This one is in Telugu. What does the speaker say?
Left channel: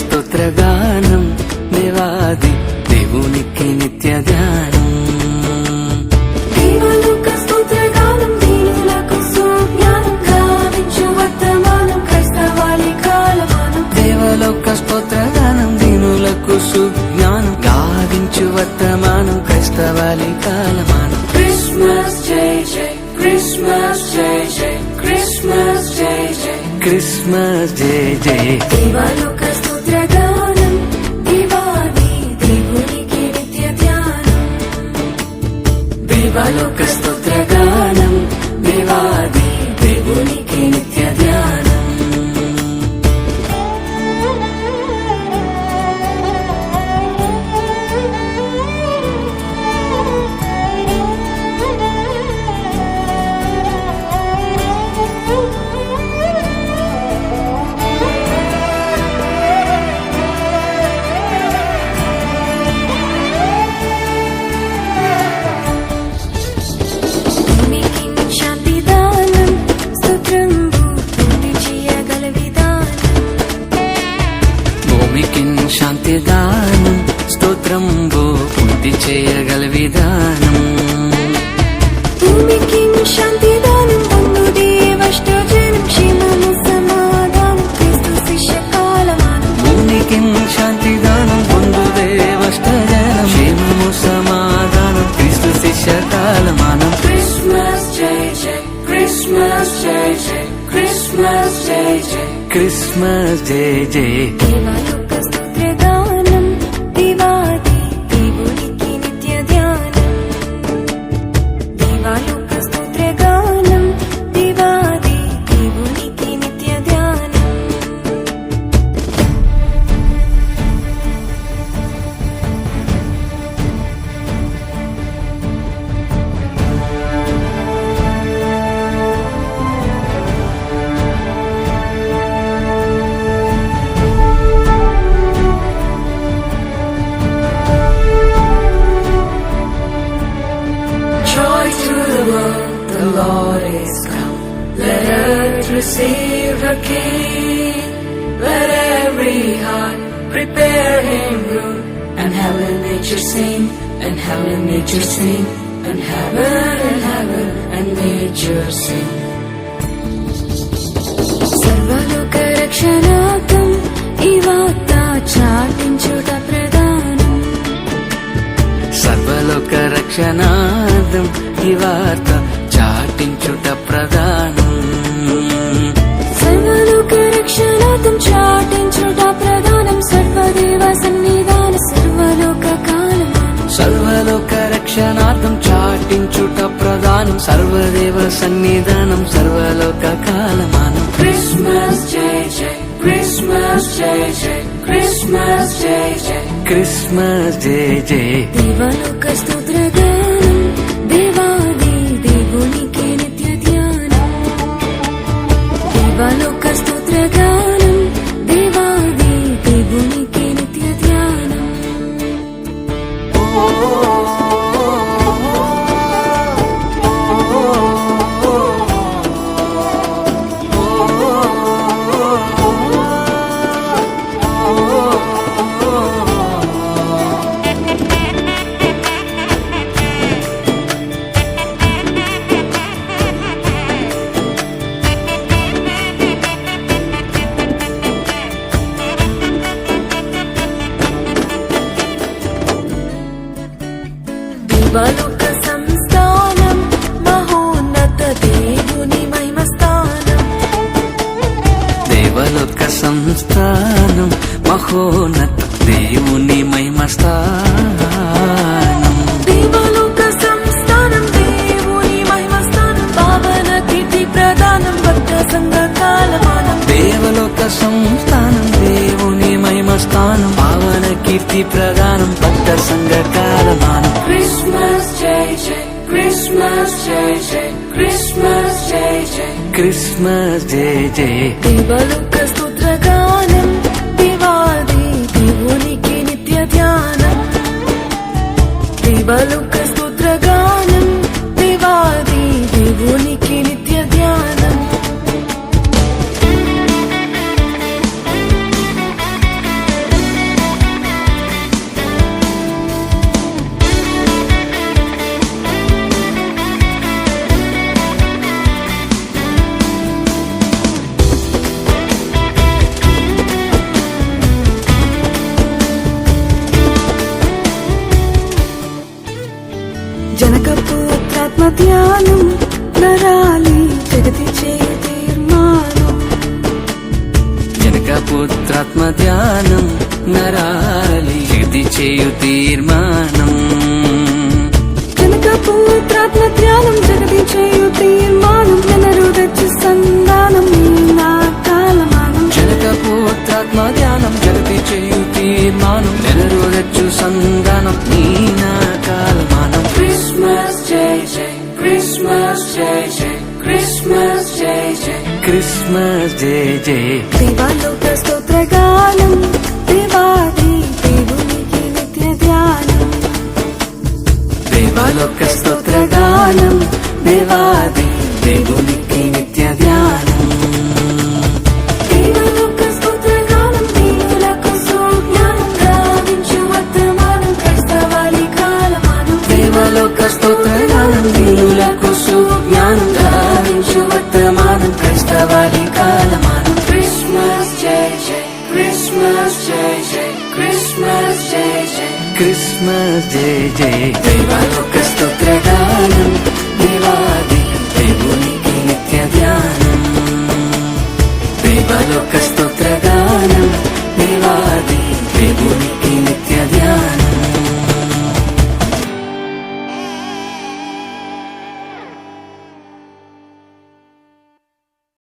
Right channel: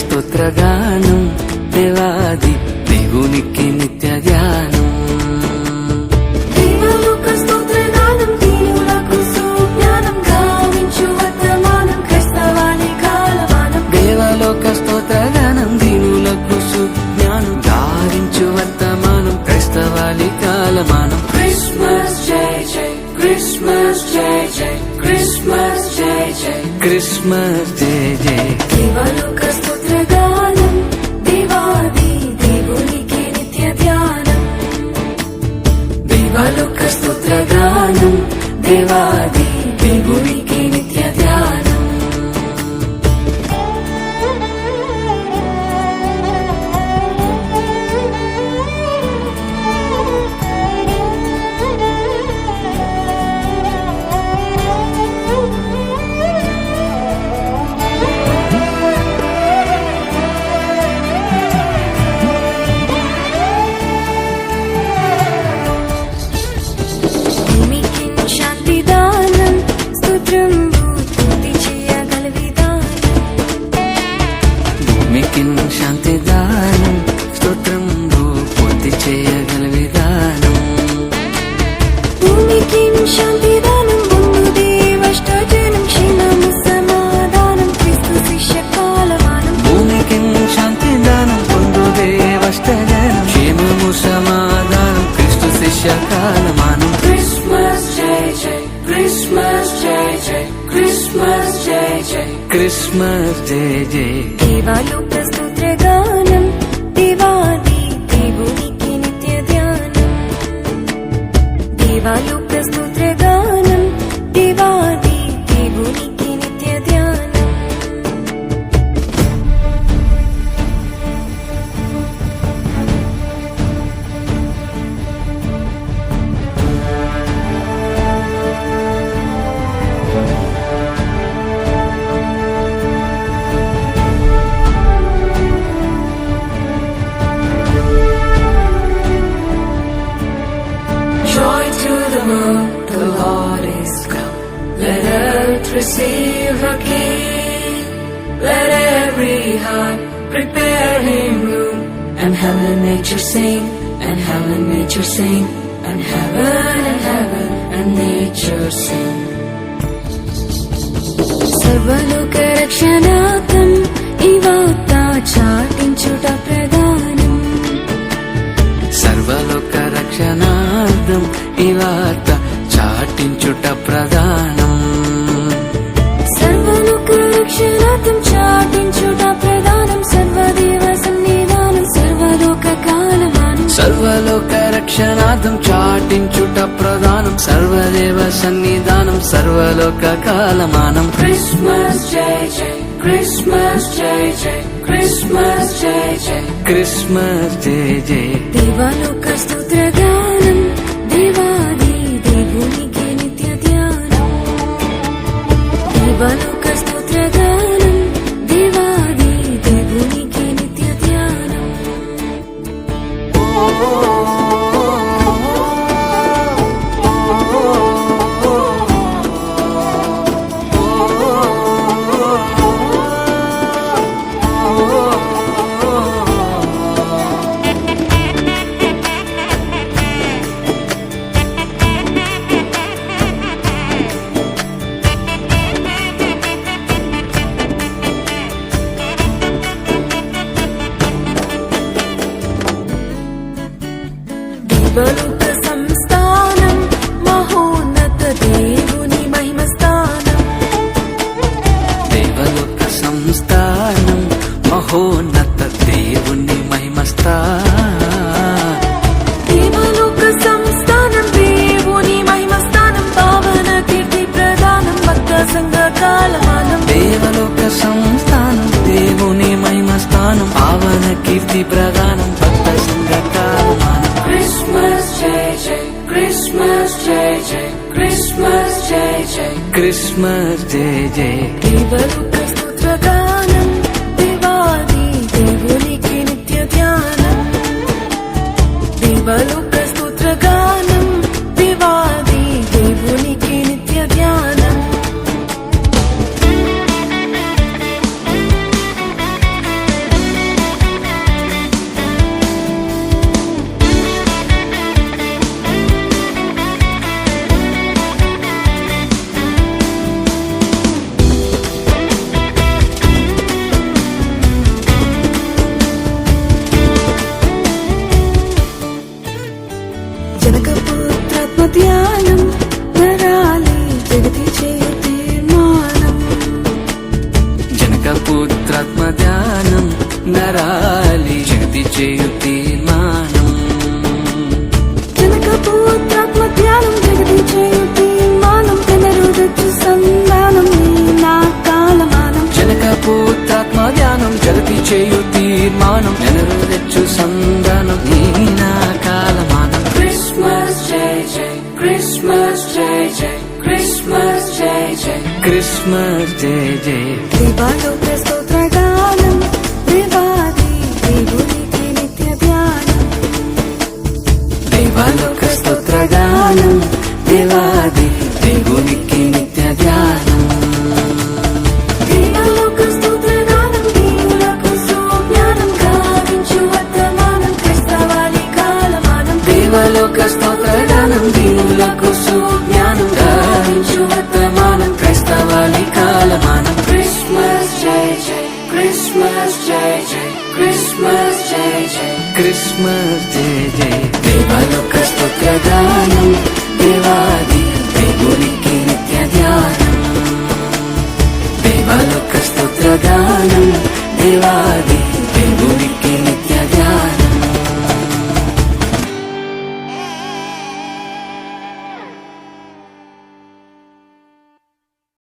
స్తోత్రగానం దేవాది దేవునికి నిత్య ధ్యానం. దేవలోక స్తోత్రగానం దీనులకు సుజ్ఞానం గావించు వర్తమానం క్రైస్తవాని కాలమానం. దేవలోక స్తోత్రగానం దీనులకు సుజ్ఞానం గావించు వర్తమానం క్రైస్తవాని కాలమానం. క్రిస్మస్ జై జై క్రిస్మస్ జై జై క్రిస్మస్ జై జై క్రిస్మస్ జై జై. దేవలోక స్తోత్రగానం దేవాది దేవునికి నిత్య ధ్యానం. దేవలోక స్తోత్రగానం దేవాది దేవునికి నిత్య ధ్యానం. భూమికి శాంతి దానం స్తోత్రంబు పూర్తి చేయగల విధానం. భూమికి శాంతి దానం స్తోత్రంబు పూర్తి చేయగల విధానం. భూమికి శాంతి దానం పొందు దేవష్టజనం క్షేమము సమాధానం క్రీస్తు శిష్య కాలమానం. భూమికి శాంతి దానం పొందు దేవష్టజనం క్షేమము సమాధానం క్రీస్తు శిష్య కాలమానం. క్రిస్మస్ జై జై క్రిస్మస్ జై జై క్రిస్మస్ జై జై క్రిస్మస్ జై జై. దేవలోక స్తోత్రగానం దేవాది దేవునికి నిత్య ధ్యానం. దేవలోక స్తోత్రగానం దేవాది దేవునికి నిత్య ధ్యానం. Joy to the world, the Lord is come. Let earth receive her King. Let every heart prepare him room. And heaven and nature sing, and heaven and nature sing, and heaven and nature sing. సర్వలోక రక్షణార్థం ఈ వార్త చాటించుట ప్రధానం. సర్వలోక రక్షణార్థం ఈ వార్త చాటించుట ప్రధానం. సర్వలోక రక్షణార్థం చాటించుట ప్రధానం. సర్వదేవ సన్నిధానం సర్వలోక కాలమానం. సర్వలోక రక్షణార్థం చాటించుట ప్రధానం. సర్వదేవ సన్నిధానం సర్వలోక కాలమానం. క్రిస్మస్ జై జై క్రిస్మస్ జై జై క్రిస్మస్ జై జై క్రిస్మస్ జై జై. దేవలోక స్తోత్రగానం దేవాది దేవునికి నిత్య ధ్యానం. దేవలోక స్తోత్రగానం దేవాది దేవునికి నిత్య ధ్యానం. దేవలోక సంస్థానం మహోన్నత దేవుని మహిమ స్థానం. దేవలోక సంస్థానం మహోన్నత దేవుని మహిమ స్థానం. దేవలోక సంస్థానం దేవుని మహిమ స్థానం. పావన కీర్తి ప్రదానం భక్త సంఘ కాలమానం. దేవలోక సంస్థానం దేవుని మహిమ స్థానం. పావన కీర్తి ప్రధానం భక్త సంఘ కాలమానం. క్రిస్మస్ జై జై క్రిస్మస్ జై జై క్రిస్మస్ జై జై క్రిస్మస్ జై జై. దేవలోక స్తోత్రగానం దేవాది దేవునికి నిత్య ధ్యానం. దేవలోక స్తోత్రగానం దేవాది దేవునికి నిత్య ధ్యానం. పవిత్రాత్మ ధ్యానం నరాలి శుద్ధి చేయు తీర్మానం జనక పవిత్రాత్మ ధ్యానం జరిగించే తీర్మానం పునరుద్ధరించు సంధానం నీ నా కాలమానం జనక పవిత్రాత్మ ధ్యానం జగతి చేయు తీర్మానం జనరుడచ్చు సంధానం నీ నా కాలమానం క్రిస్మస్ జై జై క్రిస్మస్ జై జై క్రిస్మస్ జై జై క్రిస్మస్ జై జై దేవాలోక స్తోత్రగానం దేవాది దేవునికి నిత్య ధ్యానం దేవాలోక స్తోత్రగానం దేవాది దేవునికి నిత్య ధ్యానం దేవాలోక స్తోత్రగానం దేవులకు సుజ్ఞానం గావించు వర్తమానం క్రైస్తవాళి కాలమానం దేవలోక స్తోత్రగానం దేవులకు సుజ్ఞానం గావించు వర్తమానం క్రైస్తవాళి కాలమానం క్రిస్మస్ జై జై క్రిస్మస్ జై జై క్రిస్మస్ జై జై క్రిస్మస్ జై జై దేవలోక స్తోత్రగానం దేవాది దేవునికి నిత్య ధ్యానం దేవలోక స్తోత్రగానం దేవాది దేవునికి